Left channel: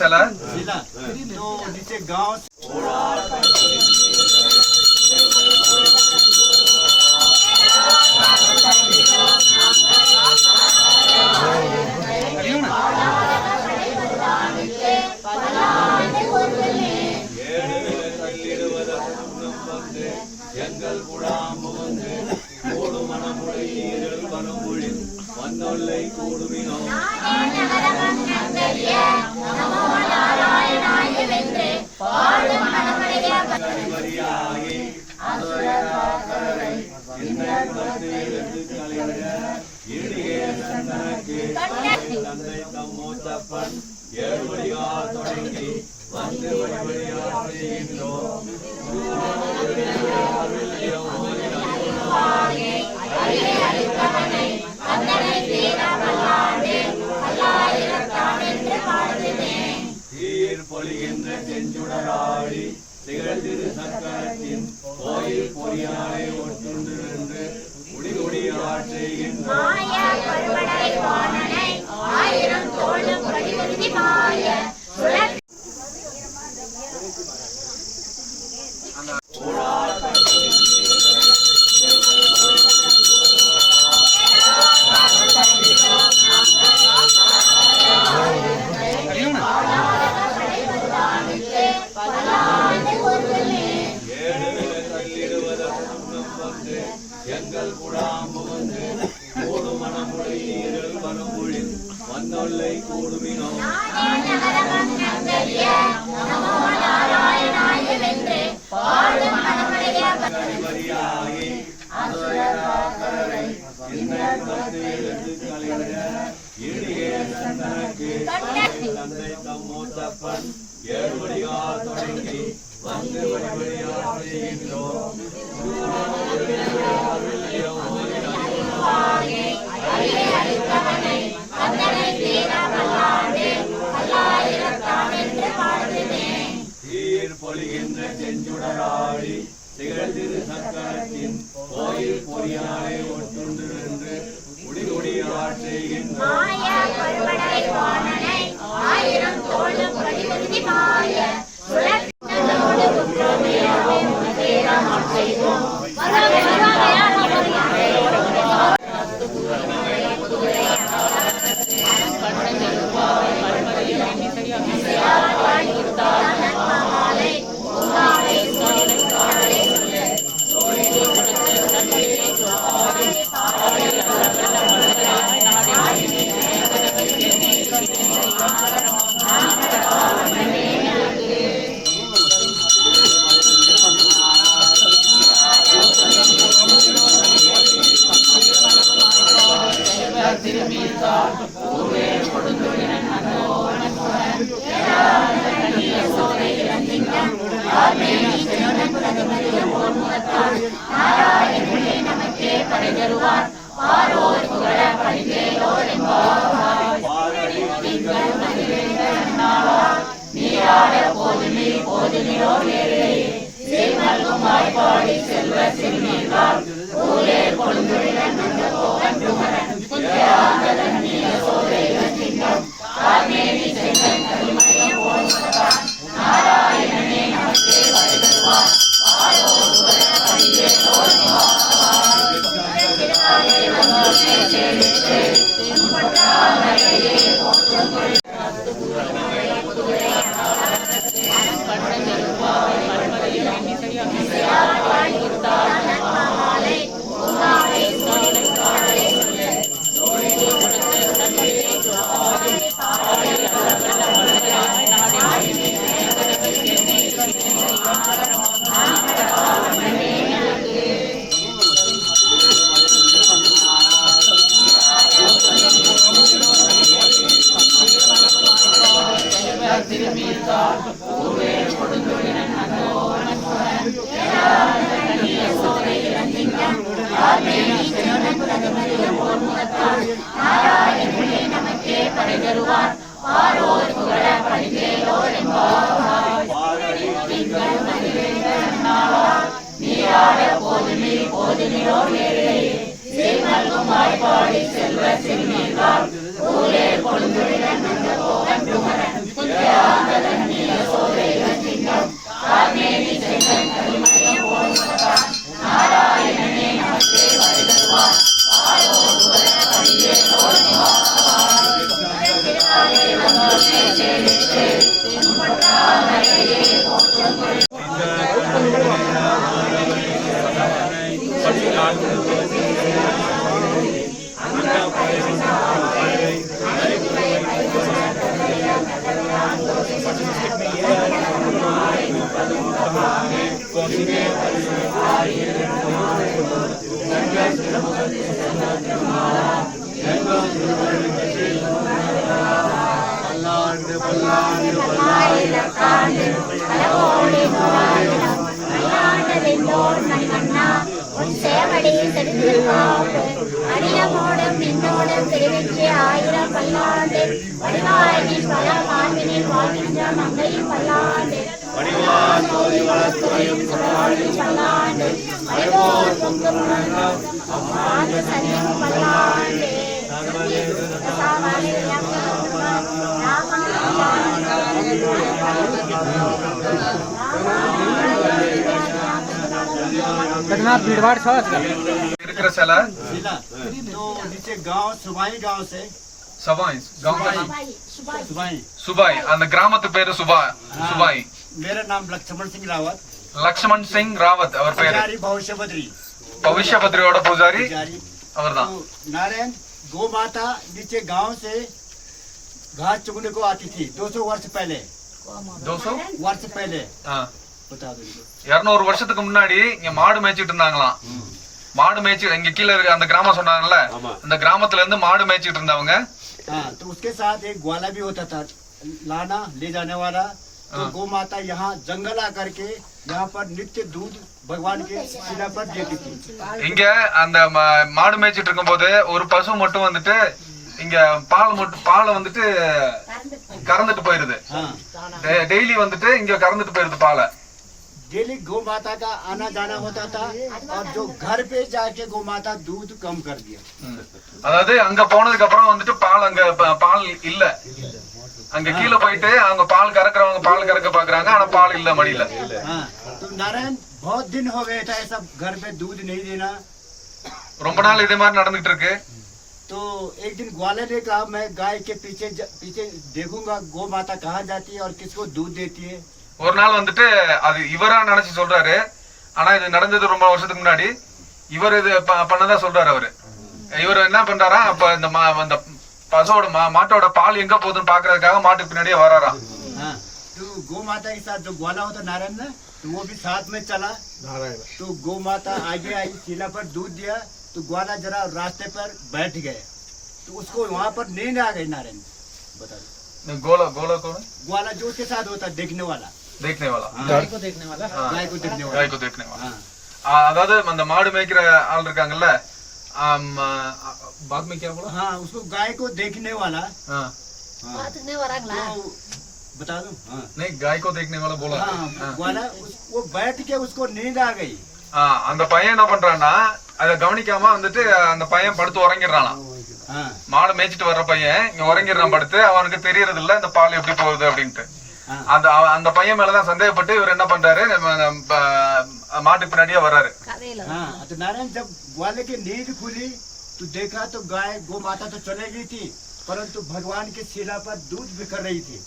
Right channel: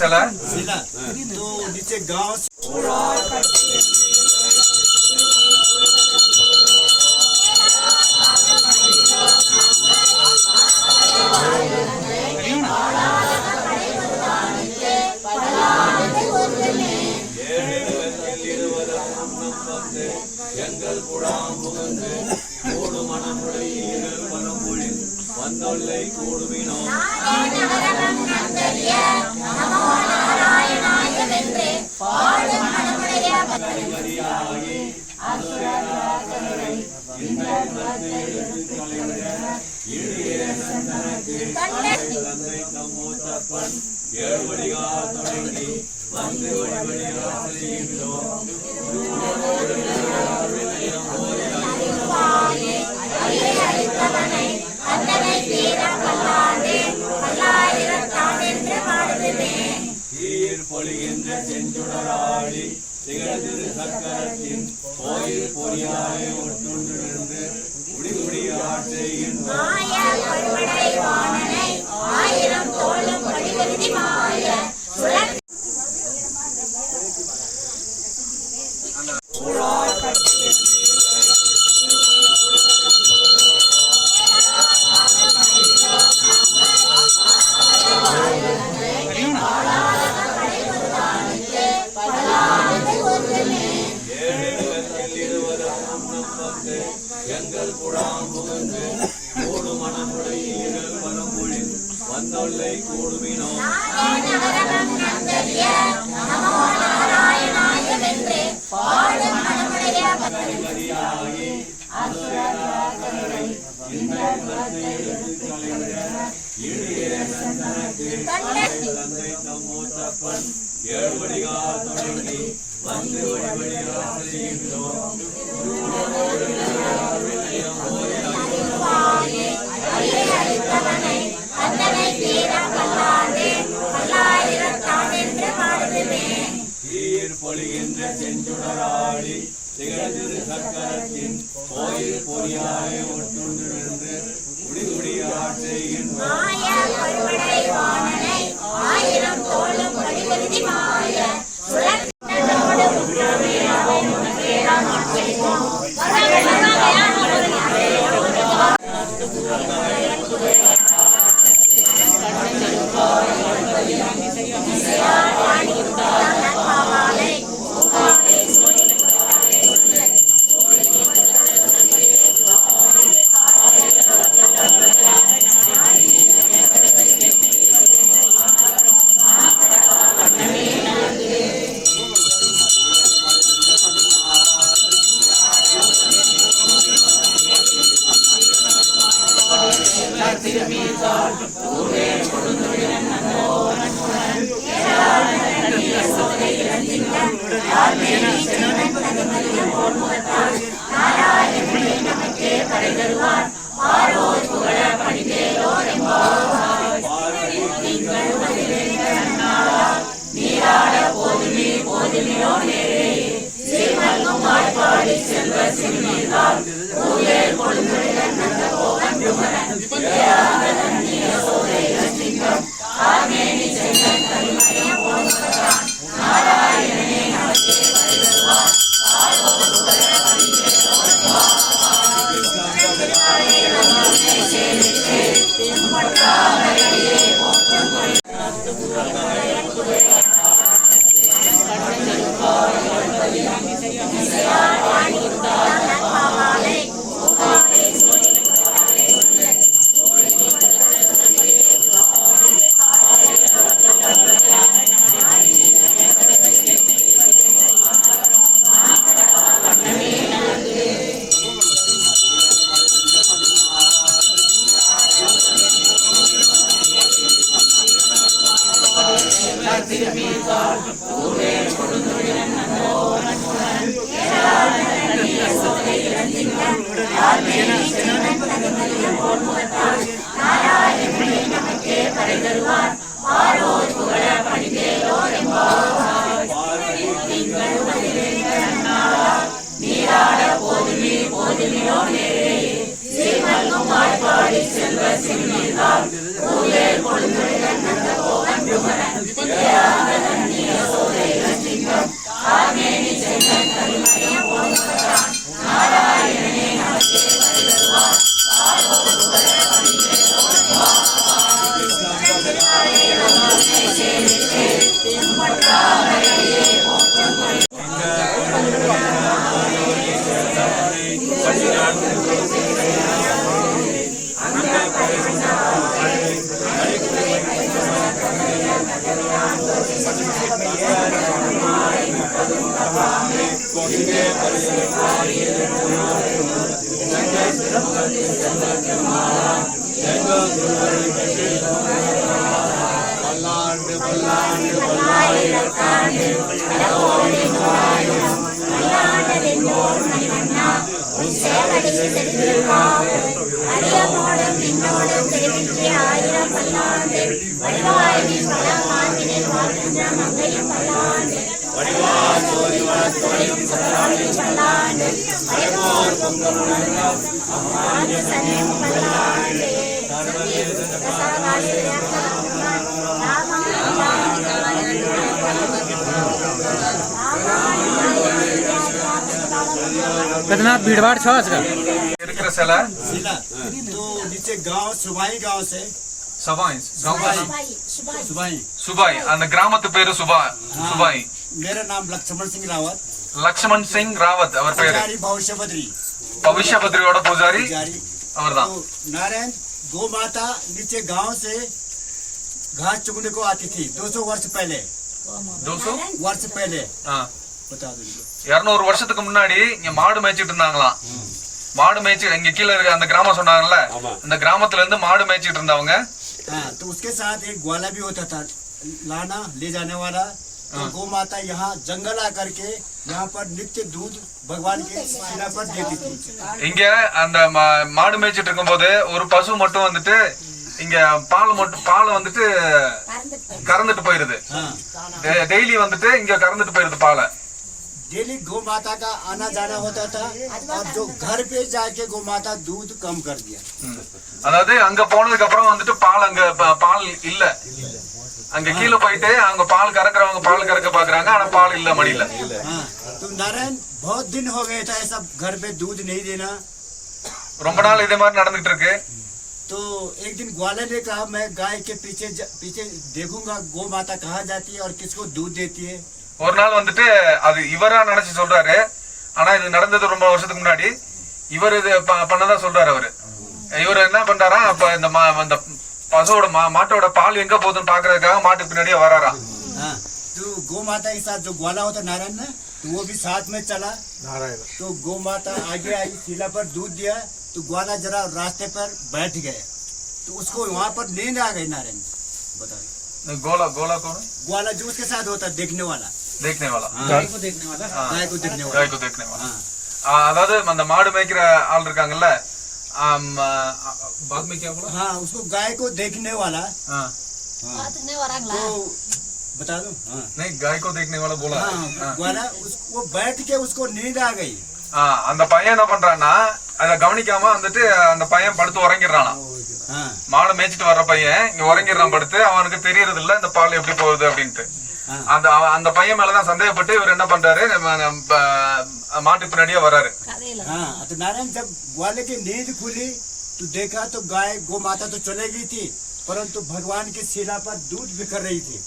सेला तो नीचे गांव Yeah. பல்லாண்டு பல்லாண்டு பல்லாயிரத்தாண்டு कितना भीड़ भाड़ छो आजकल இருக்கிற சிலை जिला तो नीचे गांव सुबाई गांव से சபாய் सुबाई சுபாய் அந்த கிராமத்து பேரு சுபாய் मेरा नाम लक्ष्मण सिंह रावत லக்ஷ்மண் சிங் ராவத் அவர் பேரு पुजारी भविष्य बद्री பவிஷ்ய பத்ரியோட பூஜாரி पुजारी அவர்தான் तो नारायण गौ माता नीचे गांव से घास चुगने को आती थी 200 वर्ष पहले 200 वर्ष पहले ஆ, बता दो 200 வருஷத்துக்கு முன்னாடி இங்க மாடு மேய்ச்சிட்டு இருந்தாங்களாம். மாடு மேய்ச்சி இங்க கீழ இருக்க அந்த கிராமம் சொன்னாங்கல்ல, அந்த கிராமத்துல இருந்து மாடு மேய்ச்சிட்டு இருந்தவங்க. हाँ तो उसके साथ एक ग्वाला भी होता था लाना ले जाने वाला। तो गौ माता यहाँ जंगल आकर के यहाँ पर नित्य दूध भगवान के शिला पर देती थी। இங்க அந்த மாடு மேய்ச்சிட்டு இருக்கும்போது ஒரு பசு மட்டும் வந்துட்டு இங்க பால் வந்துட்டு கறந்துட்டு போயிருது. டெய்லி வந்துட்டு இங்க கறந்துட்டு போயிருது பாலை. डेली गौ माता का आना जाना होता था और जो घर पे जाके गौ माता दूध कम कर दिया। அதாவது அங்க போனதுக்கு அப்புறம் வந்துட்டு பால் இல்ல, அங்க கீழே போயிட்டு அவங்க பால் கறக்குறவங்க பால் கறக்க பாக்குறாங்க, ஆனா பால் இல்ல மடியில. हाँ तो नारायण बहुत दिन हो गए था ऐसा घर पे दूध नहीं देना। ரொம்ப நாள் இதே மாதிரி நடந்துட்டு இருக்கு. तो एक दिन ग्वाले ने कहा मैं गाय के पीछे देखूंगा गौ माता कहाँ जाती है और किसको दूध देती है। ஒரு நாள் வந்துட்டு அது இவரா நினைச்சு சொல்றாரு, ஆனா இது நடந்தது ரொம்ப வருஷத்துக்கு முன்னாடி. இவர் இது பண்ணதா சொல்றாரு. இவர் என்ன பண்றாரா, அப்ப இந்த பசுவோட மாட்டோட பால் எங்க போகுதுன்னு பாக்குறதுக்காக மாட்டுக்கு பின்னாடியே வராராம். तो गौ माता के साथ जो ग्वाला होता नारायण ना, तो वो भी साथ में चला। तो गौ माता आगे आई, शिला पर दूध दिया, तो ग्वाला जरा रास्ते पर बैठ गए। तो उसको वहाँ पर नींद आ गई। नारायण बता गोला गोला कौन? ग्वाला जो उसके साथ होता देखने वाला। गाय को देखने वाला गाय को देखने वाला। गाय को देखने वाला. அதாவது அந்த மாடு மேய்க்கிற ஆள் இருக்காங்கல்ல, बाद में क्या बोला? हाँ उसको गाय को देखने वाला। हाँ तो बता दो। हाँ नहीं, गाय को देखने वाला बोला. हाँ ग्वाला वो बैठ के उसको नींद आ गई। அந்த பையன் என்ன பண்றான்னா, அத கவனிக்காம வந்துட்டு அந்த பையன் படுத்து உறங்கிடுறான். மாடு மேய்ச்சிட்டு வர்ற பையன் இங்க உறங்கிடுறான் படுத்து. அவனுக்கு தெரியறது இல்ல இந்த பால் எப்படி போகுது அப்படின்ட்டு. அந்த பையன் மேலதான் சந்தேகப்பட்டு இவர் என்ன பண்றாரு, மாட்டுக்கு பின்னாடியே வர்றாரு. तो नारायण जब ग्वाले की नींद खुली तो देखा तो गाय गौ माता तो चले गई थी, परंतु भगवान की शिला पर दूध बिखर रही थी।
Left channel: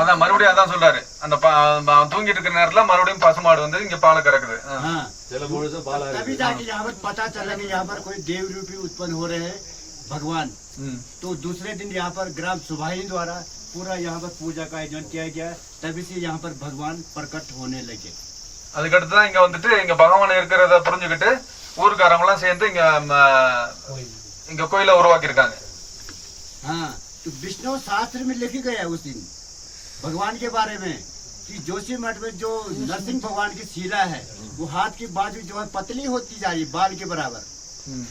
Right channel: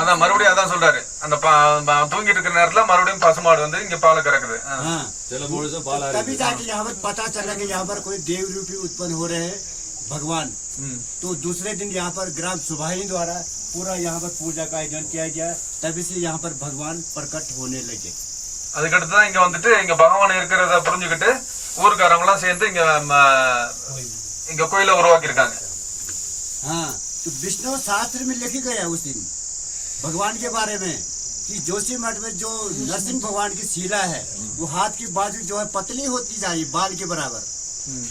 அதான் மறுபடியும் அதான் சொல்றாரு, அந்த தூங்கிட்டு இருக்கிற நேரத்துல மறுபடியும் பசுமாடு வந்து இங்க பால் கறக்குது. तभी जाके यहाँ पर पता चला कि यहाँ पर कोई देव रूपी उत्पन्न हो रहे हैं भगवान। तो दूसरे दिन यहाँ पर ग्राम सुभाई द्वारा पूरा यहाँ पर पूजा का आयोजन किया गया। तभी से यहाँ पर भगवान प्रकट होने लगे। அதுக்கடுத்துதான் இங்க வந்துட்டு இங்க பகவான் இருக்கிறத புரிஞ்சுக்கிட்டு ஊருக்காரங்க எல்லாம் சேர்ந்து இங்க கோயில உருவாக்கி இருக்காங்க. हाँ तो विष्णु शास्त्र में लिखी गया उस दिन भगवान के बारे में कि जोशी मठ में जो नरसिंह भगवान की शिला है वो हाथ की बाजू जो है पतली होती जा रही बाल के बराबर।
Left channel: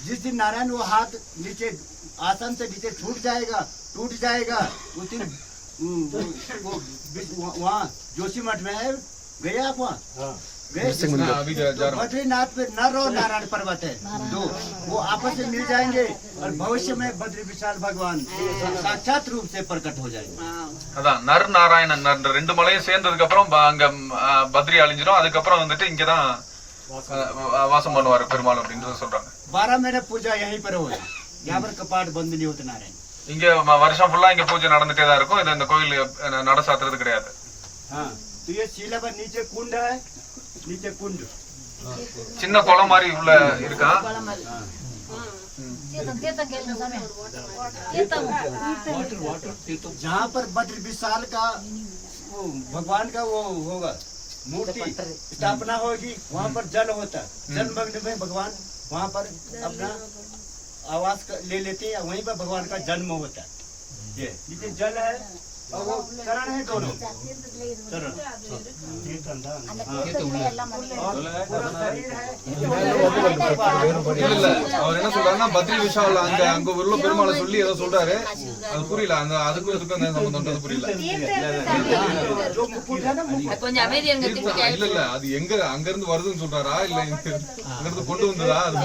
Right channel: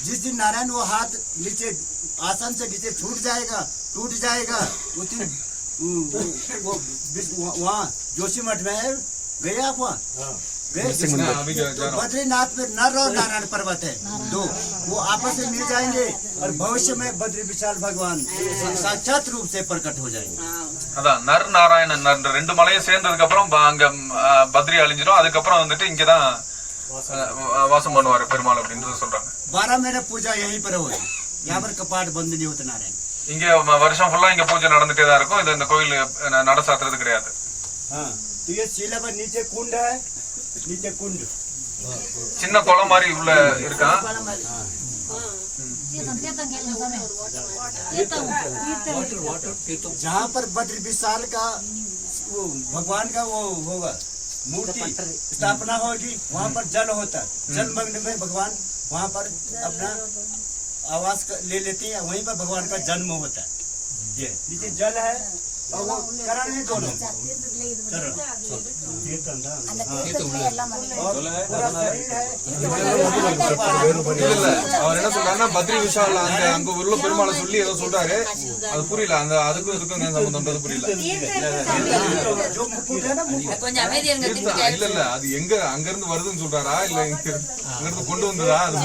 जिस दिन नारायण वो हाथ नीचे आसन से नीचे टूट जाएगा उस दिन वो वहाँ जोशी मठ में है। गए आप वहाँ? गए? तो बद्रीनाथ पे नर और नारायण पर्वत है दो, वो आपस में मिल जाएंगे और भविष्य में बद्री विशाल भगवान साक्षात रूप से प्रकट हो जाएंगे। அதான் நர் நாராயணன் ரெண்டு மலையும் சேர்ந்ததுக்கு அப்புறம் அங்க பத்ரி அழிஞ்சிடும். அதுக்கப்புறம் வந்துட்டு இங்கதான் வாசம் பண்ணுவாரு பெருமாள் அப்படின்னு சொல்றாங்க. 12 महीने पूजा यहीं पर हो, यहाँ पर कपाट बंद नहीं होता नारायण। இங்க வருஷம் ஃபுல்லா இங்க பூஜை நடந்துட்டே தான் இருக்கும். இது இந்த கோயில் நட சாத்துறது கிடையாது. हाँ तो ये शिला पर नीचे कुंड है, नीचे कुंड சின்ன குளம் மாதிரி உள்ள இருக்கான். जहाँ पर बद्र विशाल का वो भगवान का वो होगा मूर्ति स्थापना होगी, वहाँ पर जल होता। जल मग्न में भगवान वहाँ पर अपना आवाज ले लेते हैं, वहीं पर भगवान का जन्म होता है। ये नीचे जल है और वो चरण है दोनों चरण, और पूरा शरीर है। அவர் என்ன சொல்றாருன்னா பத்ரி விஷால் அங்க உள்ள பெருமாளை சொல்லி ஏதோ சொல்றாரு, அது புரியல. அந்த அதுக்கும் இதுக்கும் என்ன சம்பந்தம்ன்றது புரியல. जो मुकुट है ना, मुकुट கொஞ்சம் அமைதியா இருங்க. இல்ல அது எங்க அங்க இருந்து வருதுன்னு சொல்றாரா இல்ல இங்க இருந்து கொண்டு வந்ததா அது